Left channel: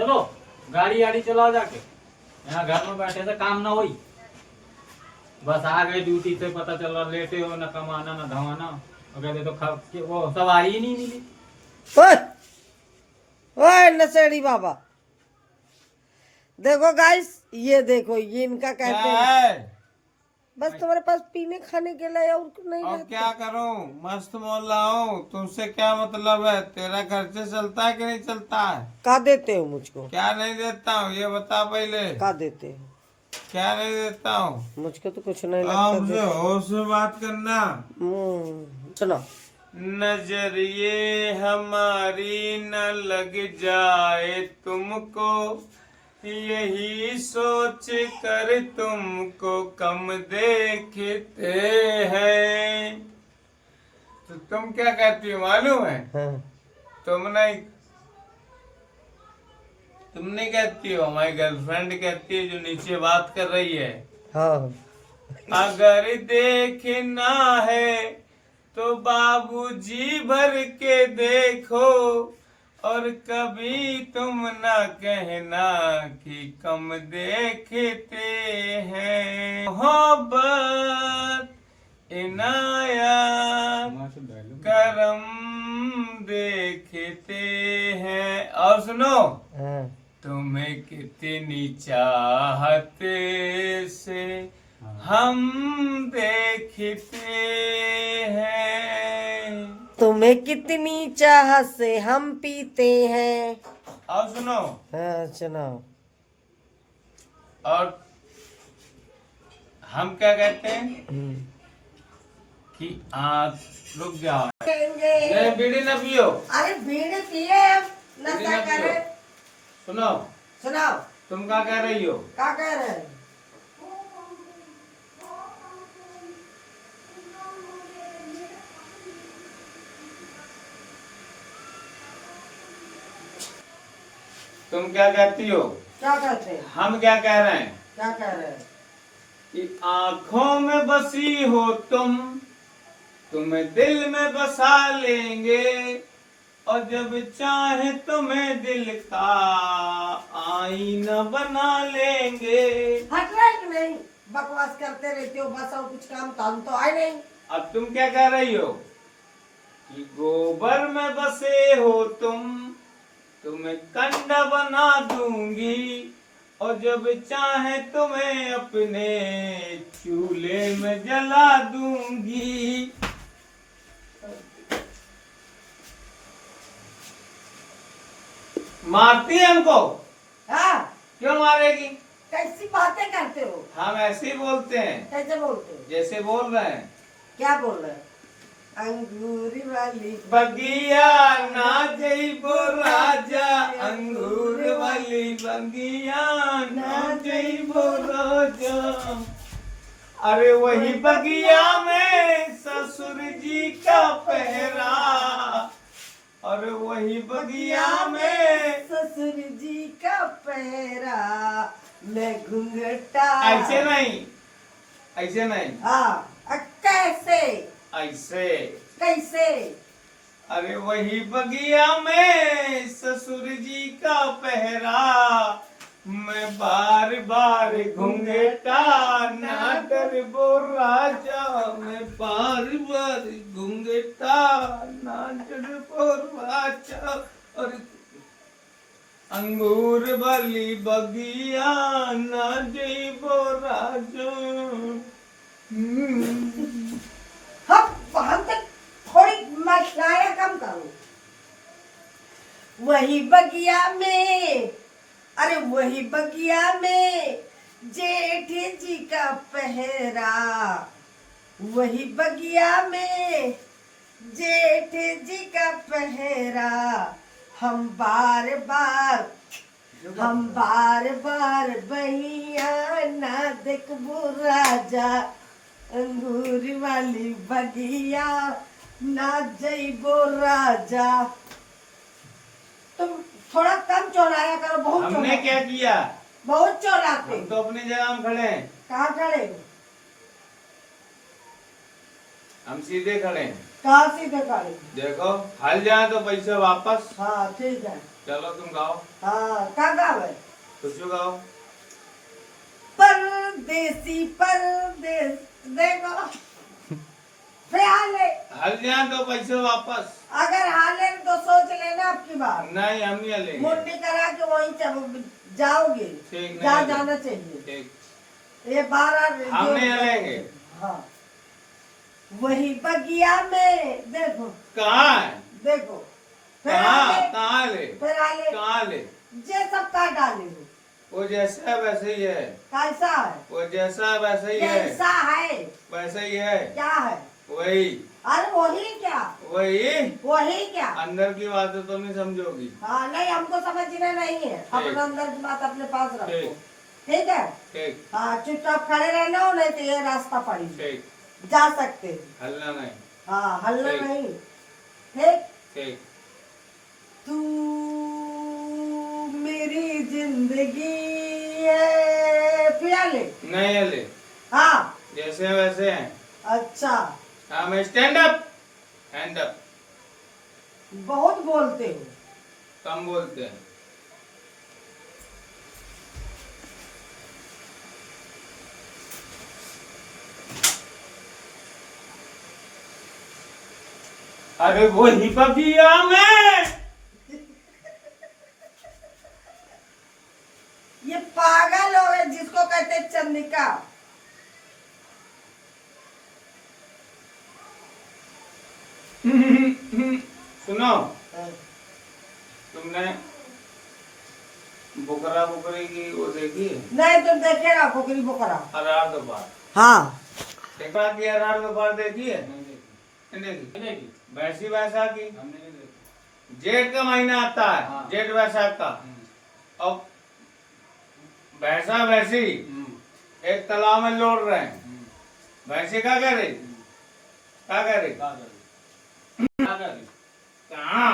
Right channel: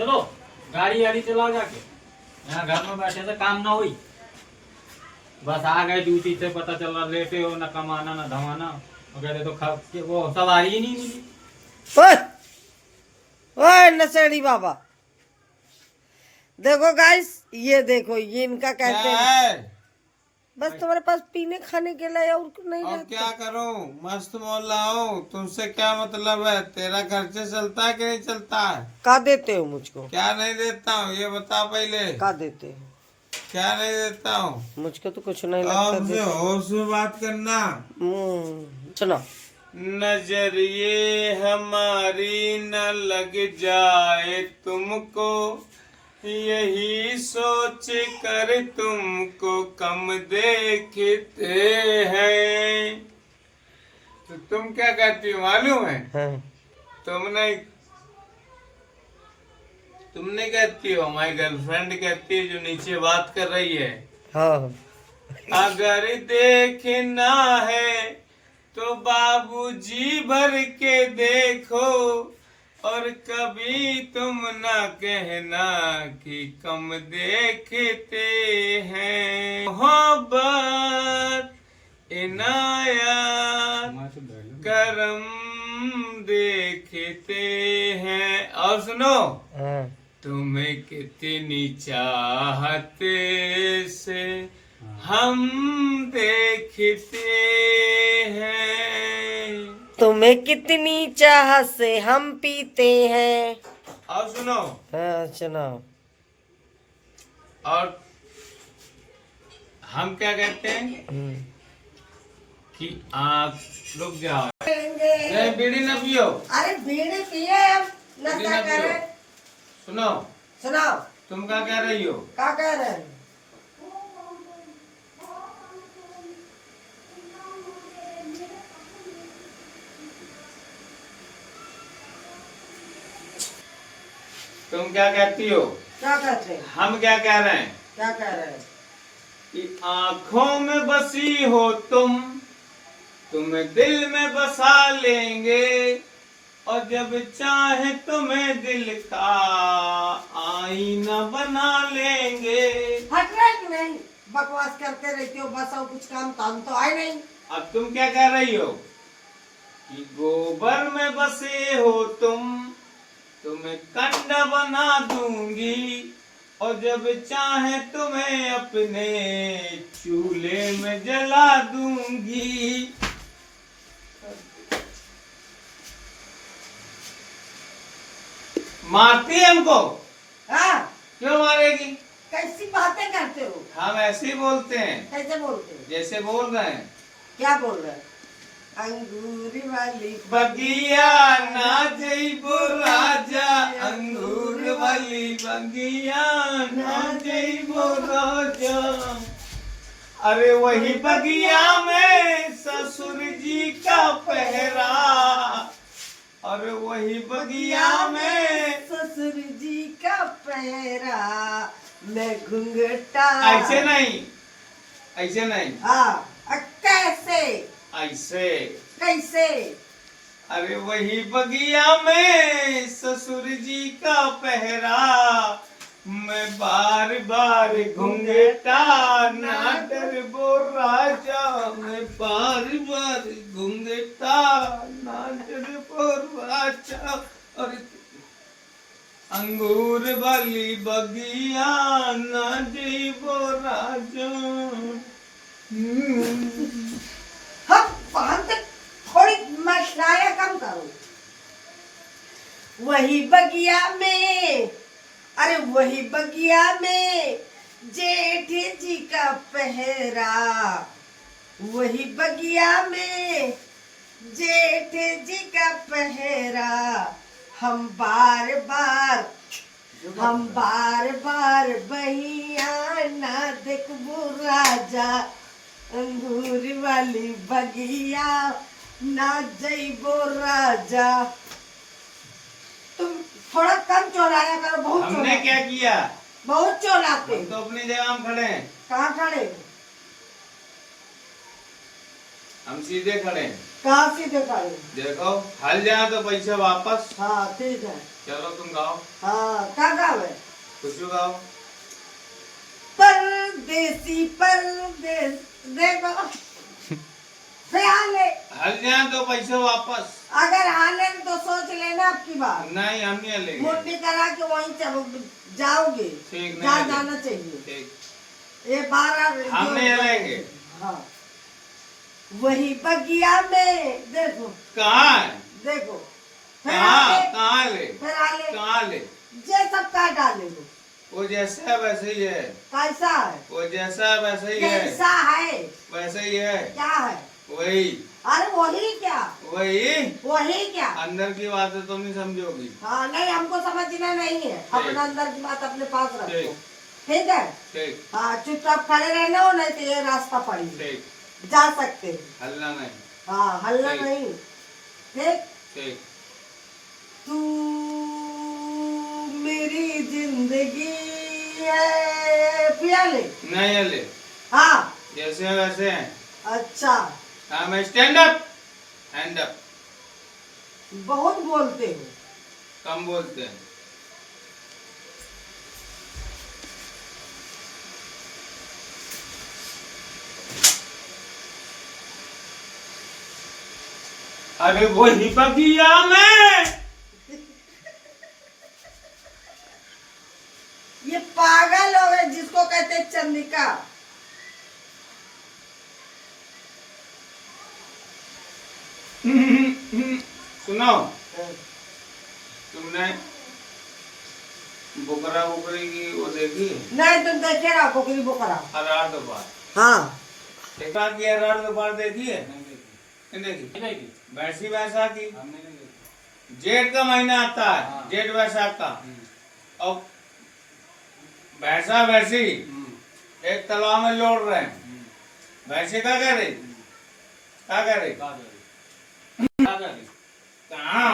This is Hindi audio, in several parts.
चलो गाड़ी वाड़ी चलाओ जाके, यहाँ घर में बैठे से काम ना हुई। बस आ गए ड्यूटी से, पता चल रहा लेटे हो, ना कमाना ना धमाना, और कहते तो वो सवारी ही नहीं मिली। ओए ओए नशेड़ी बाबा, देखो गाइस, ये देखो ये इनका कहते हैं बस तुम्हारे पास पीने खाने के लिए और नहीं और रहता। क्या करूं, मस्त मोहल्ला हूँ, तुमसे क्या मतलब है? तेरा खर्चे चलता है कि नहीं चलता है? का देते हो मुझको? क्या नहीं देता हूँ ये बता पहले। का देते हो? क्या नहीं देता हूँ? मुझको तो कुछ नहीं लगता हमसे होश में बात करना। सुनो। नजरिए हमारी न लग जाए तुमको, यही सोच कर तुमको कम देखते हैं। तो तुम क्या कहती हो मालूम है? हाँ। तुम नहीं कहती हो, हमारी गर्लफ्रेंड कहती है जो नीचे बात कर रही है। हाँ। अगर देखना है तो बाबूजी भर के देखो, और कभी तुम ना कहना कि कम देखते हैं। मोहब्बत इनायत करम देखते हैं। और सुनो, हाँ। तुम्हें कितनी चाहत से हम देखते हैं। तुम्हें कितनी चाह से हम पीते हैं। और सुनो, हाँ सुनो। और हम क्या कहते हैं कि आप रुक जाओ, नहीं बीड़ी न पियो। अरे बीड़ी पिए, बीड़ी नशा न पियो। करे। सुनो, सुनाओ। तुम क्या कह रही हो? क्या कह रहे हैं? तुम क्या कहती हो? क्या कहते हैं? हम क्या कह रहे हैं? क्या कह रहे हैं? कि आंखों में बसी हो तुम, तुम्हें दिल में बसा लेंगे, और जब चाहे तुम्हें दिल का आईना बना लेंगे। हट रहे कि नहीं? बकवास करते रहते हो बस, और कुछ काम तो आए नहीं। अब तुम क्या कह रही हो कि गोबर में बसे हो तुम, तुम्हें कंडा बना दूंगी, और जब चाहे तुम्हें अपने चूल्हे में जला दूंगी। मारती है हमको? हाँ? क्यों मारेगी? कैसी बातें करते हो? हम ऐसे ही बोलते हैं, कैसे बोलते हो? जैसे बोल रहे हैं। क्या बोल रहे हैं? अंगूरी वाली बगिया ना जइबो राजा, अंगूर वाली बगिया ना जइबो राजा। अरे वही बगिया में ससुर जी का पहरा, और वही बगिया में ससुर जी का पहरा, मैं घूंघटा। ऐसे नहीं, ऐसे नहीं। हाँ, कैसे? ऐसे। कैसे? अरे वही बगिया में ससुर जी का पहरा, मैं बार बार घूंघटा ना डरबो राजा, मैं बार बार घूंघटा ना डरबो राजा। और अंगूर वाली बगिया ना जइबो राजा। हम वहां तक थोड़ी मशलाया कम करो। वही बगिया में, अरे वही बगिया में जेठ जी का पहरा, वही बगिया में जेठ जी का पहरा, हम बार बार बहिया ना देखबो राजा, अंगूर वाली बगिया ना जइबो राजा। तुम थोड़ा कम चौलाया करो, बहुत हमने चौलाते। क्या किया? बहुत चौलाते। हम तो अपनी जगह में खड़े हैं। कहाँ खड़े? हम सीधे खड़े हैं। कहाँ से दिखाई? देखो हल जाए तो पैसे वापस। हाँ ठीक है। चलो तुम गाओ, हाँ क्या गावे? कुछ गाओ। परदेसी परदेस, देखो फिर हाले, हल जाए तो पैसे वापस। अगर हाले तो सोच लेना आपकी बात। नहीं हम नहीं लेंगे। मुंडी करा के वहीं जाओगे, ठीक, नहीं जहाँ लेंगे। जाना चाहिए। ठीक, ये 12 हम नहीं लेंगे। हाँ वही बगिया में देखो, कहाँ है? देखो फिर कहाँ हाले, कहाँ ले? फिर हाले कहाँ ले? ये सब का डाले हो। वो जैसा है वैसे ही है। कैसा है? वो जैसा है वैसे ही है। कैसा है? वैसे ही है। क्या है? वही अरे वही क्या? वही। वही क्या? अंदर की बातें तो नहीं समझोगी। हाँ नहीं, हमको समझना नहीं है, अपना अंदर की बात अपने पास रखो। ठीक। ठीक है। ठीक हाँ चुपचाप खड़े रहना हो, नहीं तो ये रास्ता पड़ी ठीक, जा सकते हैं। हल्ला नहीं। हाँ हल्ला ठीक। नहीं। ठीक। ठीक, तू मेरी जिंदगी है, पिया ले। नहीं हले, हाँ जैसे हैं वैसे हैं। अच्छा, हाँ मैं स्टैंड अप, हैंड अप। बहुत बोलते हो। कम बोलते हैं। अरे वो ही बगिया में। ये पागल हो गए जिसको कहते हैं चंद्रिका। सुनो, तुमने बुकरा बुकरी की वो देखी है? नहीं तुम देखे रहो कुकरी बुकरा। अरार दोपहर हाँ देखा कि अरार दोपहर देखी है? नहीं देखी। नहीं देखी। नहीं देखी। वैसी वैसा की हमने नहीं देखी। जेठ का महीना आता है, हाँ। जेठ वैसाख का, और भैंसा वैसी एक तालाब में लौट रहे हैं। भैंसे क्या कर रही? क्या कर रही? क्या कर रही? क्या कर रही? कहाँ?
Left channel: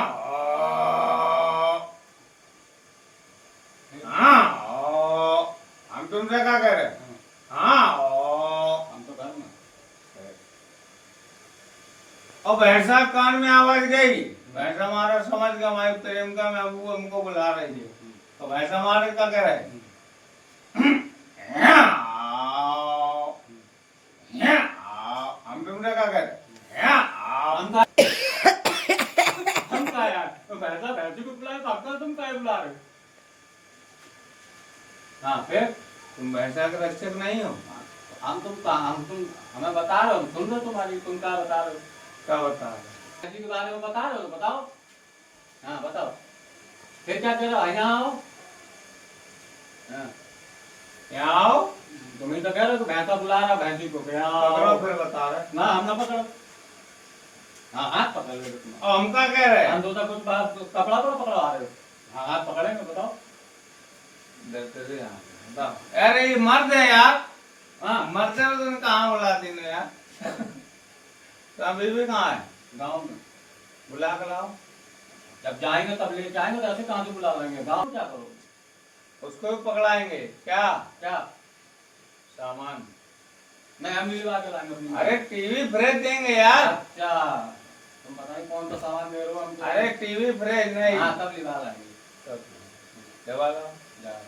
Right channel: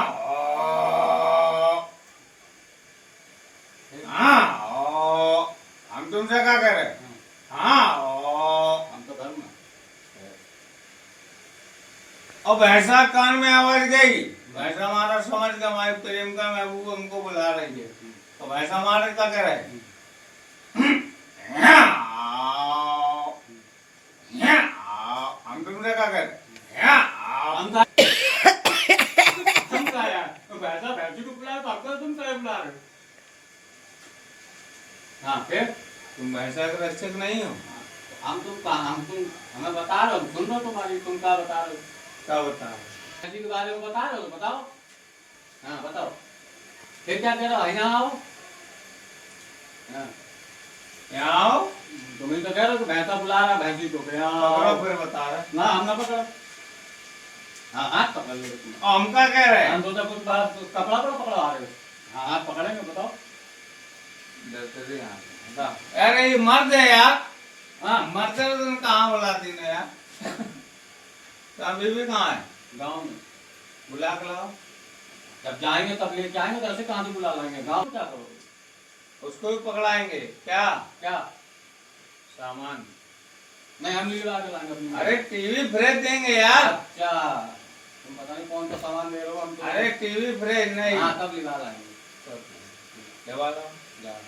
हाँ, हम तुमसे क्या कर रहे? हाँ, हम तो घर में। और भैंसा कान में आवाज गई। भैंसा हमारा समझ गया, हमारे प्रेम का महबूब हमको बुला रही है। तो भैंसा हमारे क्या कर रहे? हम तुमसे क्या कर? हम क्या यार? तो भैंसा भैंसी को बुलाए तो आपको तुम क्या बुला रहे हो? हाँ फिर तुम भैंसा के रक्षक नहीं हो? हम तुम हमें बता रहे हो, हम सुन रहे हो तुम्हारी, तुम क्या बता रहे हो? क्या बता? भैंसी के बारे में बता रहे हो तो बताओ। हाँ बताओ, फिर क्या कह रहे हो? यहाँ आओ। हाँ, यहाँ आओ। तुम ही तो कह रहे हो कि भैंसा बुला रहा भैंसी को। यहाँ पकड़ो आओ। फिर बता रहे। ना हम ना पकड़ो। हाँ हाथ पकड़ लो तुम। और हम क्या कह रहे हैं? हम तो कुछ बात कपड़ा पर पकड़ो आ रहे हो। हाँ हाथ पकड़ेंगे, बताओ। डरते थे यहाँ पे। बता। अरे ये मर्द है यार। हाँ मर्द है तो तुम कहाँ बुलाती ने यार? तो अभी भी कहाँ है? गाँव में बुला के लाओ। जब जाएंगे तब ले जाएंगे, तो ऐसे कहाँ से बुला लाएंगे? गाँव में क्या करोगे? उसको भी पकड़ाएंगे क्या? क्या? सामान। नहीं हम लिवा के लाएंगे अपनी। अरे टीवी फ्रिज देंगे यार। अच्छा, तुम पता नहीं कौन सा सामान ले रहे हो। हम तो- अरे टीवी फ्रिज नहीं। हाँ तब लिवा लाएंगे। तब दबा लाओ। जा।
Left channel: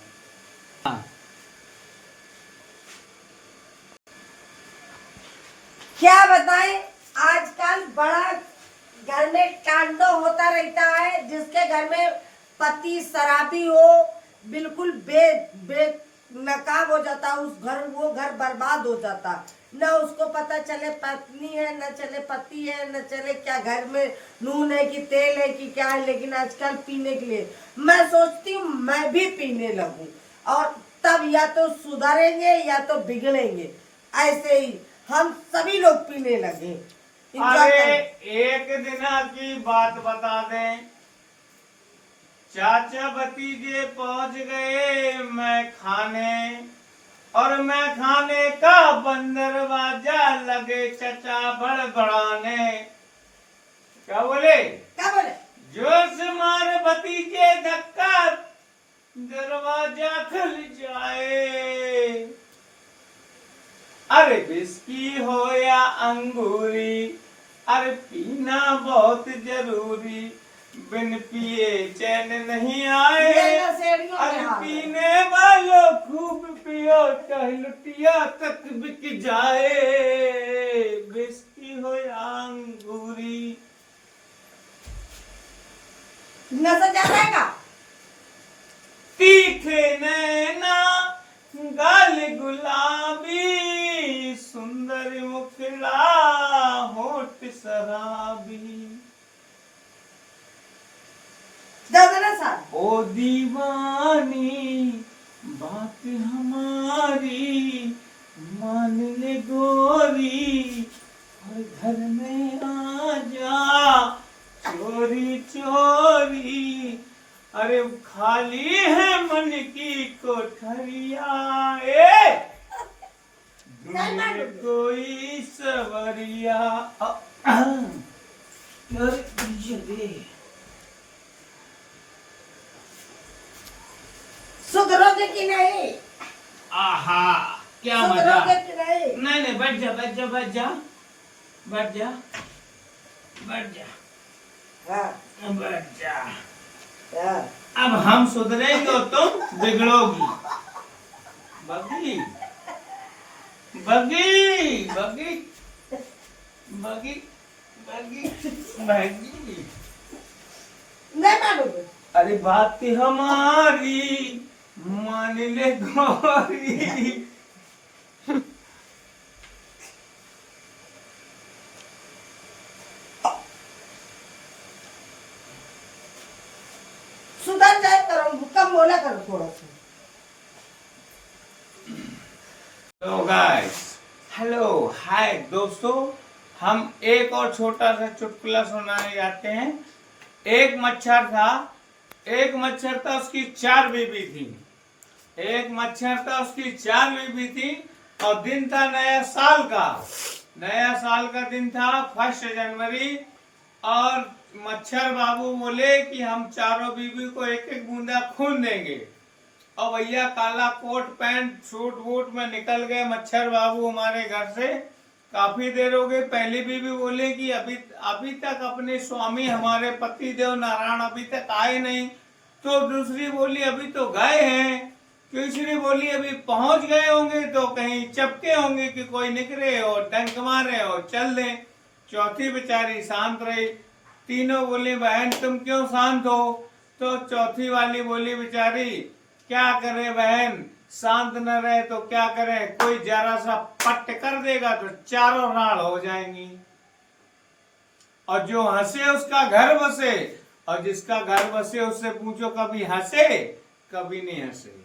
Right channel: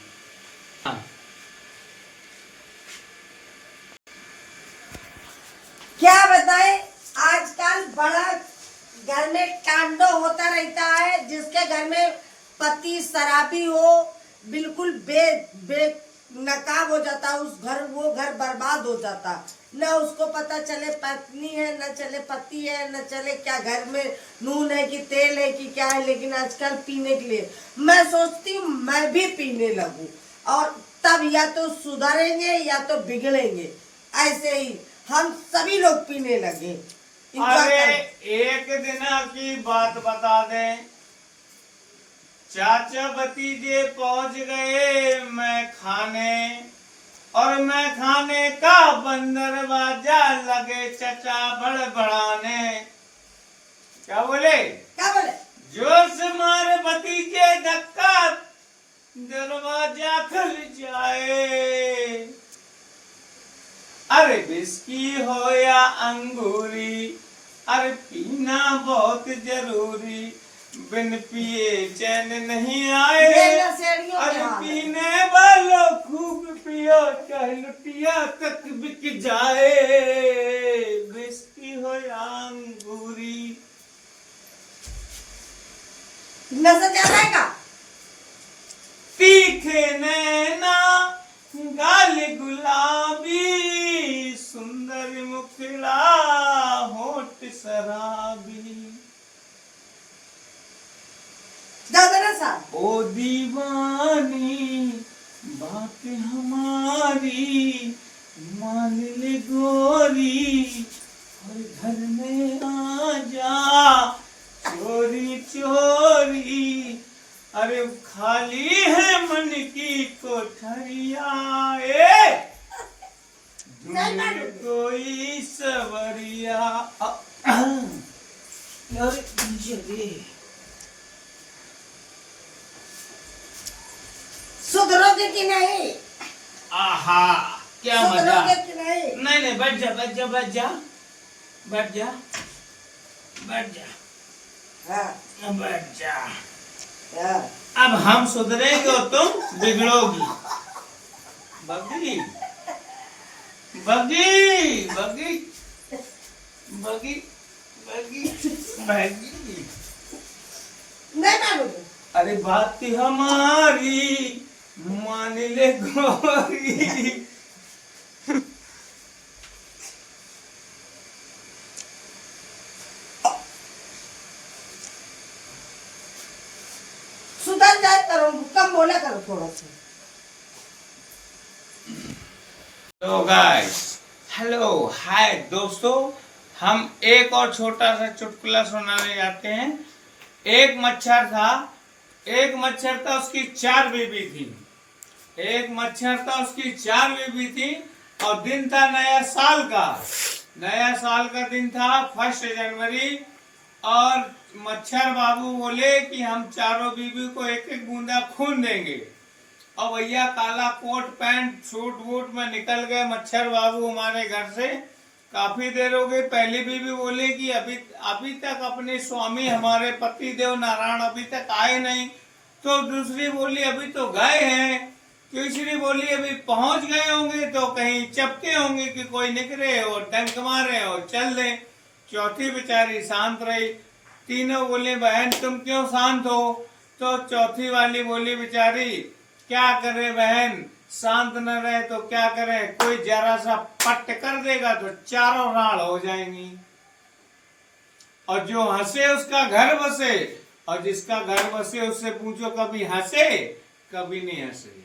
क्या बताएं, आजकल बड़ा घर में कांडो होता रहता है। जिसके घर में पति शराबी हो, बिल्कुल बे नकाब हो जाता, उस घर वो घर बर्बाद हो जाता। न उसको पता चले पत्नी है, न चले पति है, न चले क्या घर में नून है कि तेल है कि क्या है। लेकिन आजकल पीने के लिए मैं सोचती हूँ मैं भी पीने लगूं, और तब या तो सुधरेंगे या तो बिगड़ेंगे। ऐसे ही हम सभी लोग पीने लगे। Enjoy अरे करें। एक दिन की बात बता दें। चाचा भतीजे पहुंच गए मैं खाने, और मैं खाने का बंदर बाजा लगे चचा बड़बड़ाने। क्या बोले? क्या बोले? जोर से मारे भतीजे धक्का, दरवाजा खुल जाए। अरे बिस्की हो या अंगूरी, अरे पीना बहुत जरूरी, बिन पिए चैन नहीं आए। ये नशेड़ियों के अरे हाल है। पीने वालों खूब पियो, चाहे लुटिया तक बिक जाए, बिस्की हो या अंगूरी। नशा ज्यादा है का? तीखे नैना गाल गुलाबी, सुंदर मुखड़ा होठ शराबी। ज्यादा नशा? ओ दीवानी बात हमारी, मान ले गोरी, और घर में आ जा चोरी चोरी। अरे खाली है मन की कोठरिया, ढूंढ कोई सवरिया। अरे जल्दी सुधरोगे कि नहीं? आहा क्या मजा। सुधरोगे कि नहीं? नहीं नहीं, बैठ जा बैठ जा बैठ जा बैठ जा बैठ जा हाँ, बैठ जा। हाँ। अब हम सुधरेंगे और तुम बिगड़ोगी। बगी बगी बगी बगी बगी बगी। नहीं मानोगे? अरे बात हमारी मान ले गोरी। सुधर जाए करो, कम बोला करो थोड़ा सा। तो गाइस, हेलो हाय दोस्तों, हम एक और छोटा सा चुटकुला सुनाने जाते हैं। एक मच्छर था, उसकी 4 बीबी थी। एक मच्छर था, उसकी 4 बीबी थी, और दिन था नया साल का दिन था 1 जनवरी। और मच्छर बाबू बोले कि हम चारों बीबी को एक एक बूंदा खून देंगे। और भैया काला कोट पैंट सूट वूट में निकल गए मच्छर बाबू हमारे घर से। काफी देर हो गई। पहली बीबी बोले कि अभी तक अपने स्वामी हमारे पति देव नारायण अभी तक आए नहीं। तो दूसरी बोली अभी तो गए हैं। तीसरी बोली अभी पहुंच गए होंगे, तो कहीं चपके होंगे कि कोई निकले और डंक मारे और चल दे। चौथी बेचारी शांत रही। तीनों बोले बहन तुम क्यों शांत हो? तो चौथी वाली बोली बेचारी क्या करे बहन, शांत न रहे तो क्या करे, कोई जरा सा पट कर देगा तो चारों राड़ हो जाएंगी। और जो हंसे उसका घर बसे, और जिसका घर बसे उससे पूछो कभी हंसे कभी नहीं हंसे।